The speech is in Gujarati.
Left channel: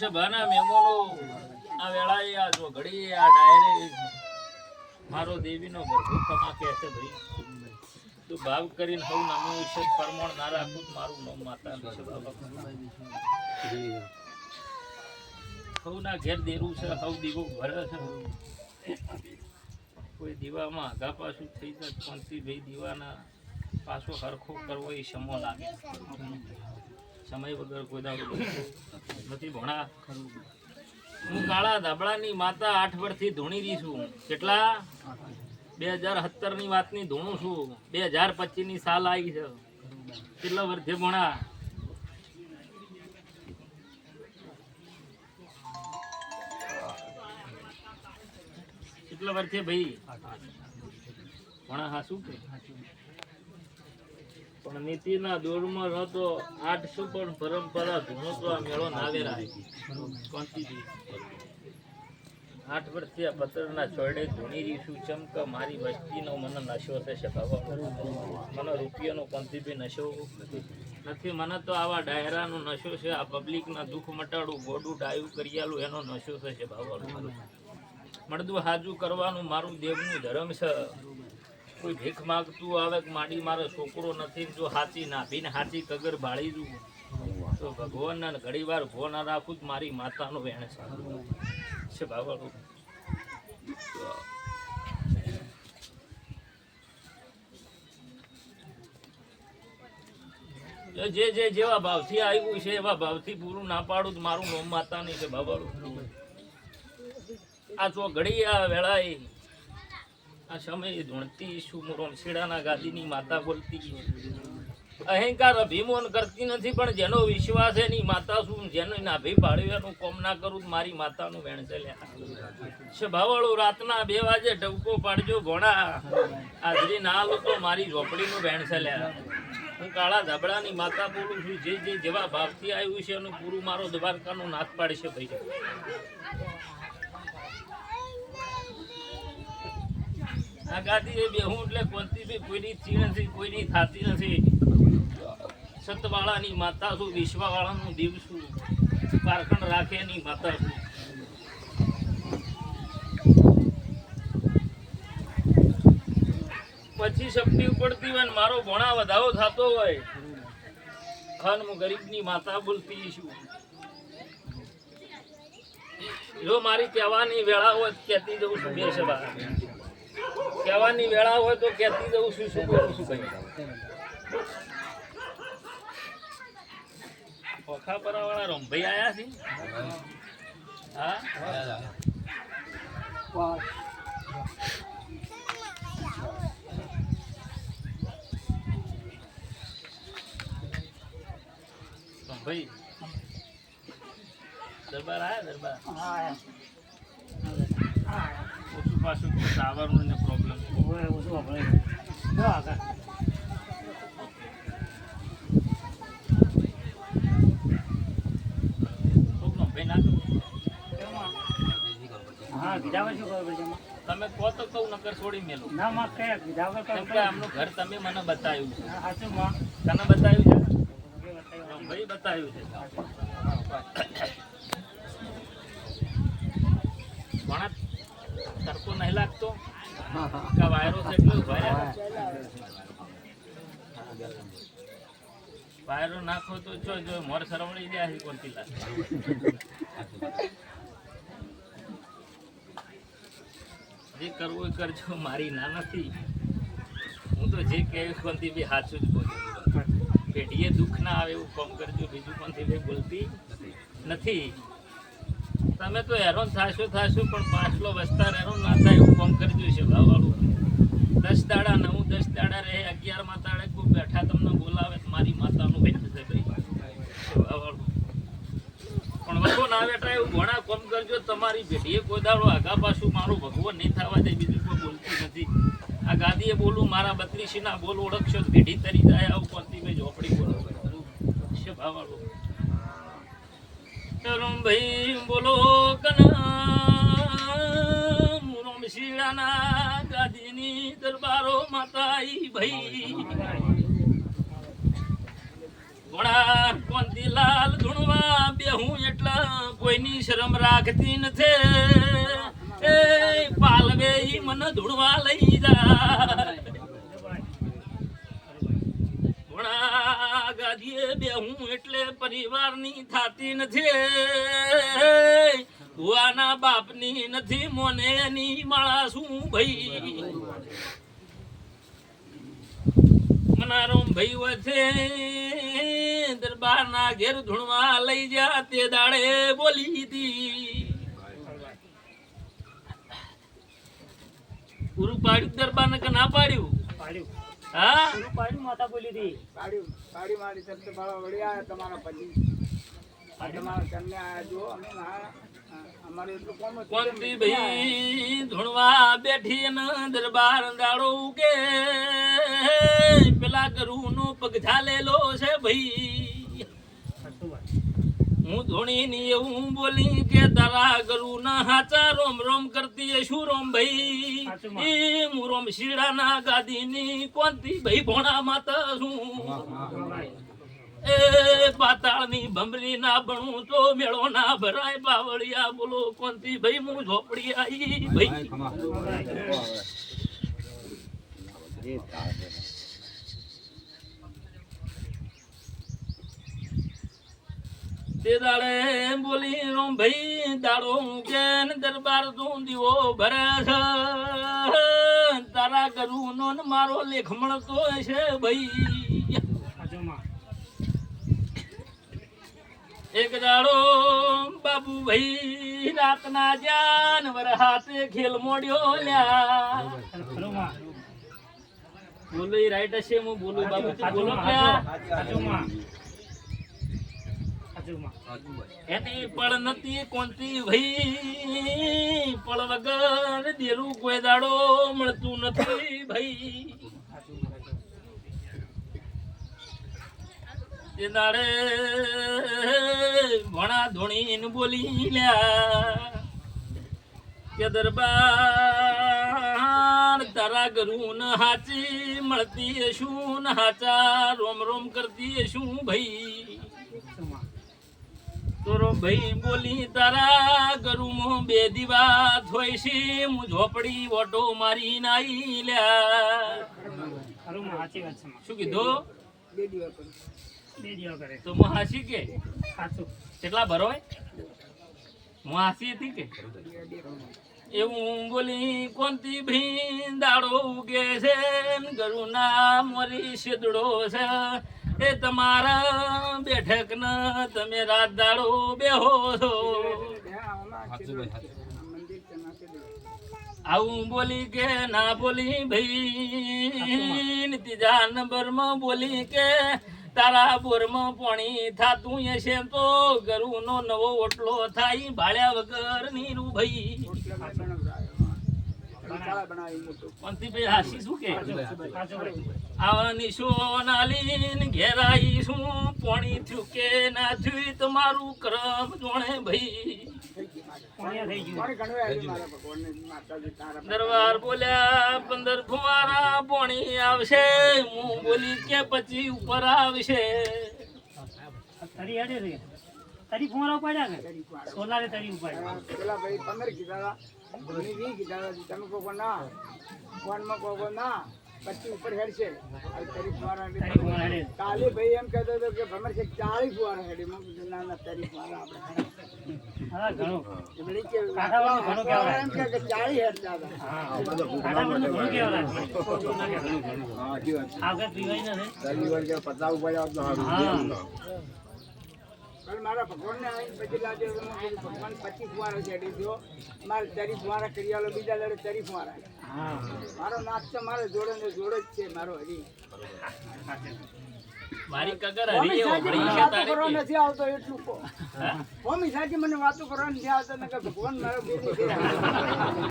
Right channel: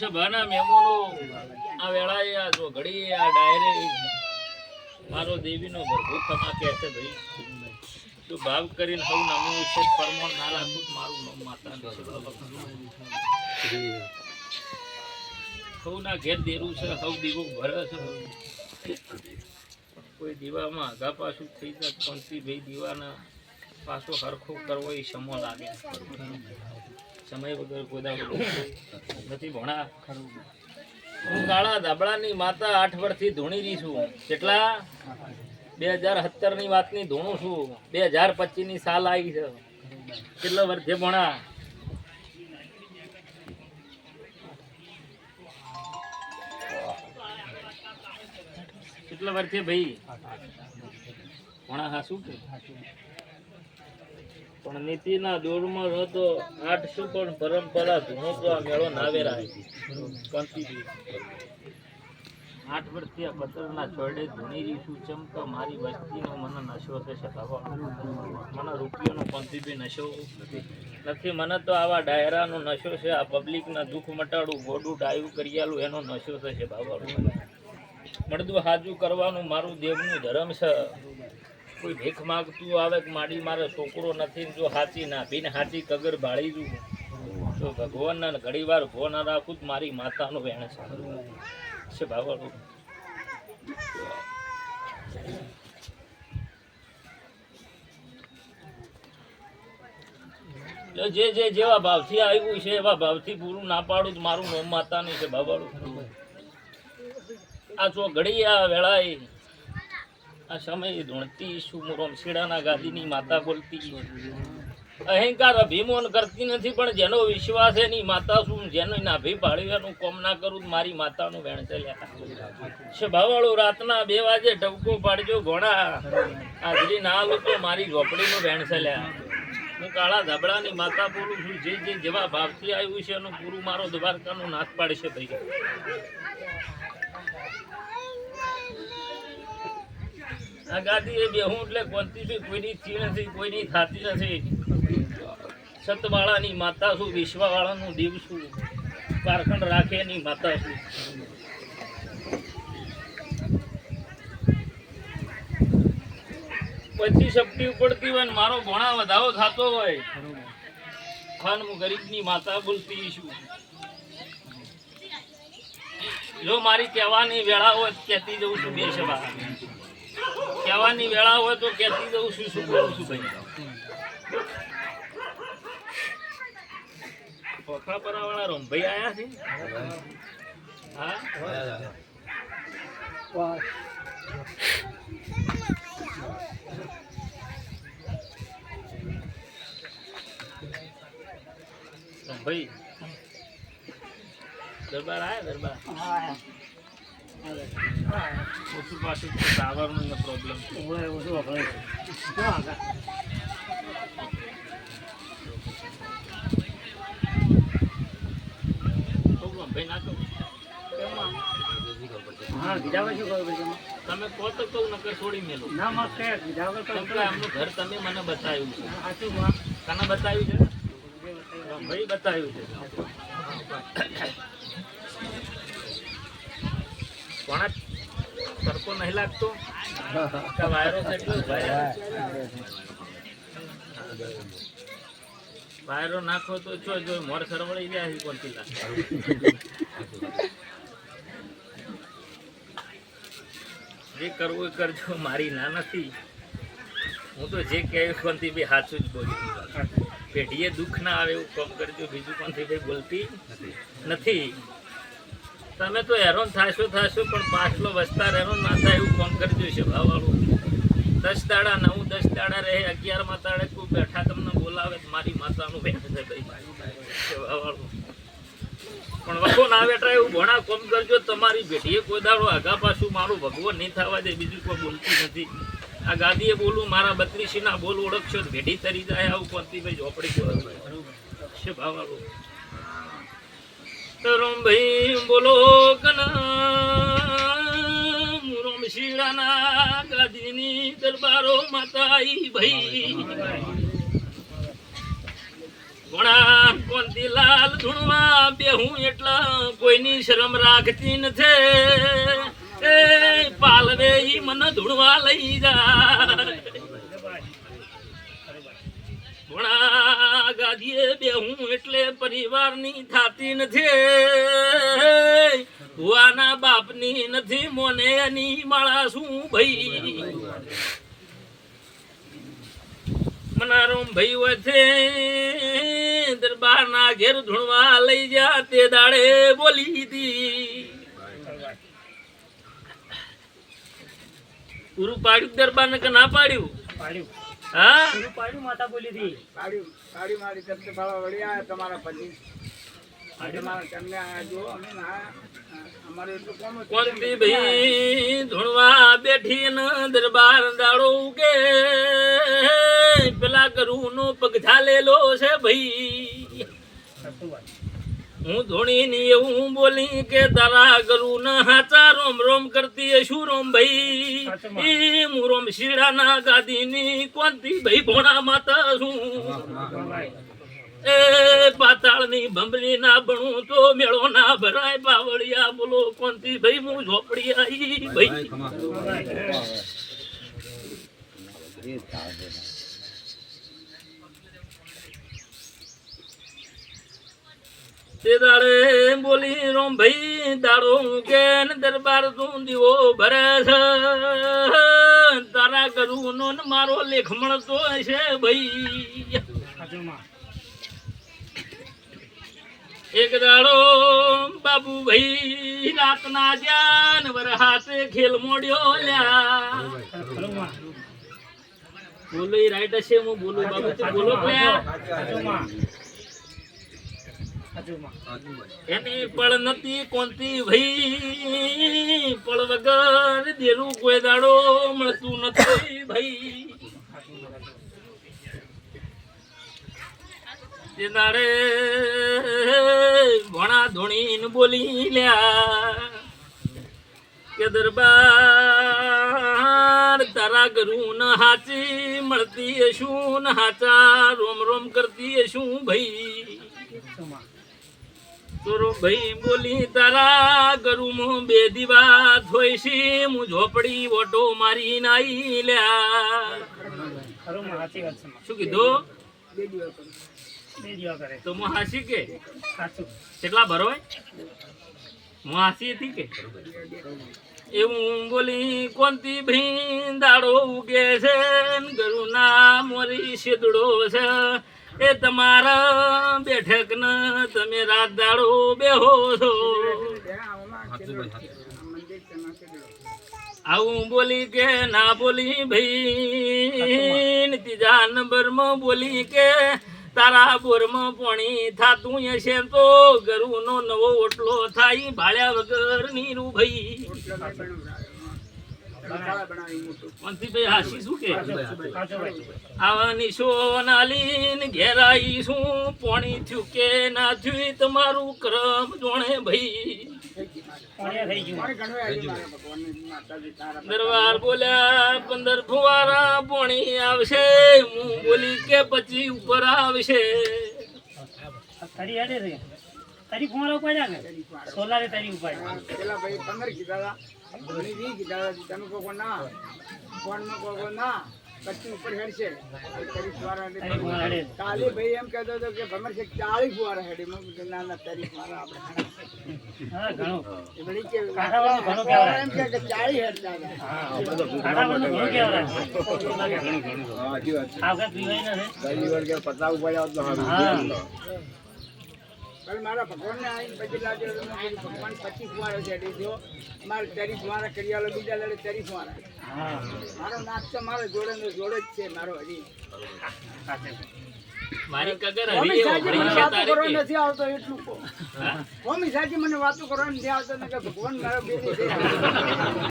સભાના મહેમાનો. આ વેળાએ, આ જો ઘડી આ ડાયરે. મારો દેવીનો ભરભૂ ખમા કહે છે ભાઈ. તો ભાવ કરીને હવ નમું છે, પરમોણ ના મારું નામ માતા બાબા હવના ઘેર દેરું છે, હવ દીવો ભરે છે. કોઈ દીવામાં આગા પાછું થઈ જાય, પણ ભાઈ દીવાના પાછો હરખો કરવો એ સમો લાગે. સમય વગર દાડો નથી ભણા હું કાળા ધાબળાની માતા આઠ વર્ષથી ધૂણી રહી છું. કેટલા? બે હજાર સત્તરની વાતની ધૂણું છું. બે હજાર પચીસની સાલ આવી છે. કેટલા વર્ષે ભણા કેટલા વર્ષે ભાઈ? ભણા હા શું કે? પણ નીતિના દોરમાં હતો આઠસો પણ પરંપરા ધૂણો તો આ મેળો નાવેરા કોંતીજી આઠ વર્ષથી આ પત્રના છોડે ધૂણી રીશું ચમક મારી વસ્તીનો મને નશો છે શકાવો. મને રૂપિયાનો પંથીભી નશો નથી. મને તો આવા ડાયરાનો નશો છે, આ પબ્લિકના દુઃખ મટાડું, ગોડું ડાયું કરિયાલું, એનો નશો છે બાબા મળદું હાજુ કરવાનું મારું દેવનું ધર્મ છે. કોઈ ભીખ માગતું આવે કે માડી મારો છોકરો નથી જો હાચી નાભીને હાચી કગર ભાળી દઉં તો ભગવાનના ઘણી વાર ભો ના રાખું તો મારી માતાનું વેણ છે. બાબા જે જે, જેવા ભાવથી આવ્યું છે, એવા ભાવથી પૂરું ના પાડું મારું નોમ માતાની છે બાબાળું આ ચો ઘડી આ વેળાએ આ સમય ધૂણતી શું? શીડાના ગાદીની માતા બોલતી. અહંકાર અભિમાન કરતી નથી, પણ જેનો વિશ્વાસ એની માતા શું? જેનો નાભી પાડ્યું એનું કોમ ના કરું, મારી માતાનું વેણ ચાલ્યા. રાતના બે વાગે ટવકો પાડજો ઘોડા. હાજરી ના લોકો મારી ઝોપડીનું વેણ ચાલ્યા. હું કાળા ધાબડાની માતા બોલું છું, જે જે જેવા ભાવથી આવ્યું છે, એનું પૂરું મારો દ્વારકાનું નાથ પાડશે ભાઈ. ગાદી એ બેહું એટલે કોનથી બી કોઈની થી નથી, કોઈની થાતી નથી. સતવાળાની માતા છું, વિશ્વાવાળાનું દીવ છું. પારખંડ રાખે એની માતા છું. પછી શક્તિ ઉપડતી હોય ને મારો ભણા વધારો થતો હોય ખાન હું ગરીબની માતા બોલતી છું. જો મારી કહેવાની વેળા હોય કહેતી જવું છું બે સભા. કહેવાની વેળા હોય તો કહેતી દઉં છું, શું કરું છું ભાઈ? પોખા પરાવાળા રંભાઈ આયા છે? હા? ભાઈ દરબાર આયા, દરબાર? ઓછું પાછું ટાવરનો પ્રોબ્લેમ રંભાઈ ના કહું તમે કહો તો કહું નકર છોડી મેલો કેમ કે આમનું ઘર તમે મને બતાવ્યું છે તને બતાવ્યું છે ભાઈ બતાવ્યું છે કોણા તડકો નહીં લાગતો. વાયરસ એટલો ભાઈ વાયરો નાખો તો જો જો મોર સરવળી જાય કોણથી લાગે જે કરવું એ કરજો મારી ના નથી. હું તો જે કહેવું કોણથી બી સાચું જ બોલી. પેઢીએ દુઃખ ના આવે એવું કામ કરજો બીજું કોણથી ભાઈ બોલતી નથી. તમે તો હેરાન થાશો થાશો, પણ પાછલો વસ્તાર હેરાન ના થાય એવું કામ કરજો છે ભાવવાળું. દસ દાડા નવું દસ દાડા રહે, અગિયારમાં દાડે કોઈ બેઠા તમને બોલાવે મારી માતાનું બેઠ છે ભાઈ. પણ વખો ના બેઠા એવું ઘણા કોમ કરજો, તમારી ભેટીએ કોઈ દાડો આગા પાછું મારું ભગવાન નહીં થવા દે, બીજું કોઈ બોલતી નથી. આ ગાદીએ બોલું, મારા બત્રીસી ના બોલ ઓળખશો, ભેટી તરી જાય, આવું કોનથી ભાઈ ઝોપડી બોલો છે ભાવવાળું? તરુણ ભાઈ બોલો કના શીડાના ગાદીની દરબારો માતાઈ ભાઈ. કોંતી લાલ ધૂણવા બેહું એટલા કોઈની શરમ રાખતી નથી. પાલવે ઈ મને ધૂણવા લઈ જાય. ઘોડા ગાદીએ બેહું એટલે પરિવારની થાતી નથી. ભુવાના બાપની નથી, મોને એની માળા શું ભાઈ? મનારોમ ભાઈ છે દરબારના ઘેર ધૂણવા લઈ જા તે દાડે બોલી હતી. પૂરું પાડ્યું દરબારને કે ના પાડ્યું? પાડ્યું. હા? પાડ્યું માતા બોલી હતી મારી તમારા પતિ તમારા તમને આયા જો અમે અમારે એટલું કામ હતું. ભાઈ ધૂણવા બેઠી ને દરબાર દાડો કે પેલા કરું નો પગ ઝાલેલો છે ભાઈ. હું ધોણી ની એવું બોલી કે તારા ગરુ ના હાચા રોમ રોમ કરતી એ શું રોમ ભાઈ. ઈ હું રોમ શીરાના ગાદી ની કોનતી ભાઈ ભોણા માતા છું. એ પાતાળની ભંભરી ના ભણું તો મેળો ના ભરાય. બાવળિયા બોલો કોનતી ભાઈ હું ઝોપડી આવી ભાઈ તે દાડે બોલી રોમ ભાઈ, દાડો કે દરબાર તું દીવો ભરે છે. તારા કરું નો મારો લેખ મળતો છે ભાઈ. એક દાડો બાબુ ભાઈ, રાતના જાન વરહાતે ખેલ મોડ્યો લ્યા. બોલો રાઈટ હશે, હું બોલું. બાબુ તે બોલો માં એની પળ નતી કોનતી ભાઈ. પળ વગર દેરું કોઈ દાડો મળતું નથી ભાઈ. તે દાડે ભણા ધોણીને બોલી લ્યા કે દરબાર તારા ગરુ ન હાચી મળતી શું ન હાચા રોમ રોમ કરતી શું ભાઈ? તોરો ભાઈ બોલી તારા ગરુમાં બે દીવા થોઈશી હું ઝોપડી ઓટો મારી નાઈ લ્યા. શું કીધું? તો હું હાસી કે? કેટલા ભરોય હું હાસી હતી કે? એવું બોલી કોનતી ભીંદાડો ઉગે છે ને ગરુના મોરી શેદડો છે. એ તમારા બેઠક ન તમે રાત દાડો બેહો છો. આવું બોલી કે ના બોલી ભાઈ, ત્રીજા નંબરમાં બોલી કે તારા બોરમાં પાણી થાતું હશે તો ગરુનો નવો ઓટલો થાય, ભાળ્યા વગર નીરું ભાઈ રોટલો ના બનાવડાયો. મસાલા બનાવી મોટું. કોનથી ભાઈ હાસી શું પાણી થયું ના થયું તમારું ક્રમ જોણે ભાઈ દરબાર બોલ્યા પંદર ફુવારા પોણી આવશે, હું બોલી કે પછી ઉપર આવશે ફરી તારી કુમારા ઉપાડ્યા ને સોલારે તારી ઉપાડ્યા પેલા ભાઈ પંદર કીધા હતા. ધોની વીસ કીધા હતા. તમે કહો ના. ફોનમાં કોકો ના. પછી ઉપર હેડશે તારી કુમારા હેડે કાલે ભાઈ એમ કહેતો હતો કે ભમર છે ચાલીસ વાર હેડે. મેં કીધું ના ના તારી ફુવારા આપણે હા ઘણું. પણ મારા ભગવાનને આવીને પછી લાગ્યો તો મેં ભગવાન પચીસ ફુવારા હેડી થયો મારે તારી ફુવારા કરી આલો બીજા લડે ફુવારા મારો નાથ તો મારો જોડે નો જોડે જ છે મારો હજી. મારી કગર હરી નથી આવતો એટલું કહો. હા? મમ્મી સાચી મને વાતો કરવા નથી આવતો ભગવાન મારો